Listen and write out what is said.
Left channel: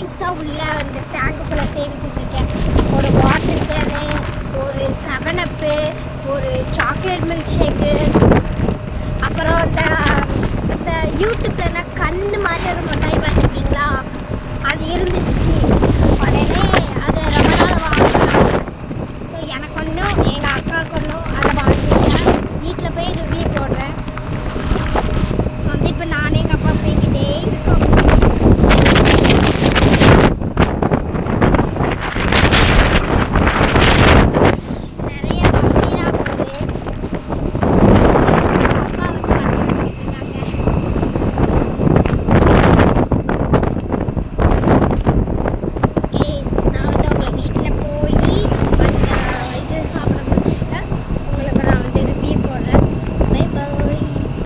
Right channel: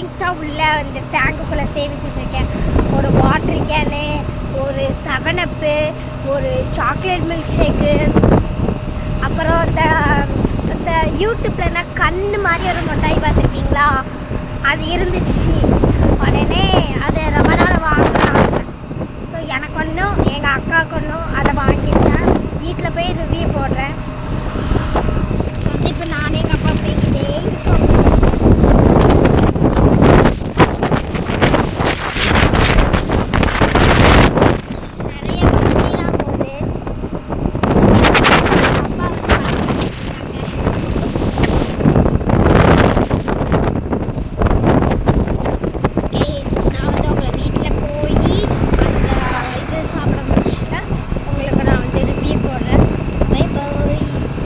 Savings தான் உள்ள இந்த டேங்குக்குள்ளே சேமிச்சு வச்சுருக்கேன். ஒரு வாட்டர் கேனு, ஒரு 7 ஒரு சாக்லேட் மில்க் ஷேக்கு, அப்புறம் இந்த யூடியூப்லன்னா கண்ணு மாதிரி ஒரு மிட்டாய் பார்த்துருக்கீங்களா, அது இருந்துச்சு. உடனே அது ரொம்ப நாள் வாங்கலாம் ஆசை. ஸோ எனக்கு ஒன்றும் எங்கள் அக்காவுக்கு ஒன்றும் அதை வாங்கிட்டேன். வீட்டில் போய் ரிவ்யூ போடுறேன். ஸோ வந்து இப்போ நானே எங்கள் அப்பா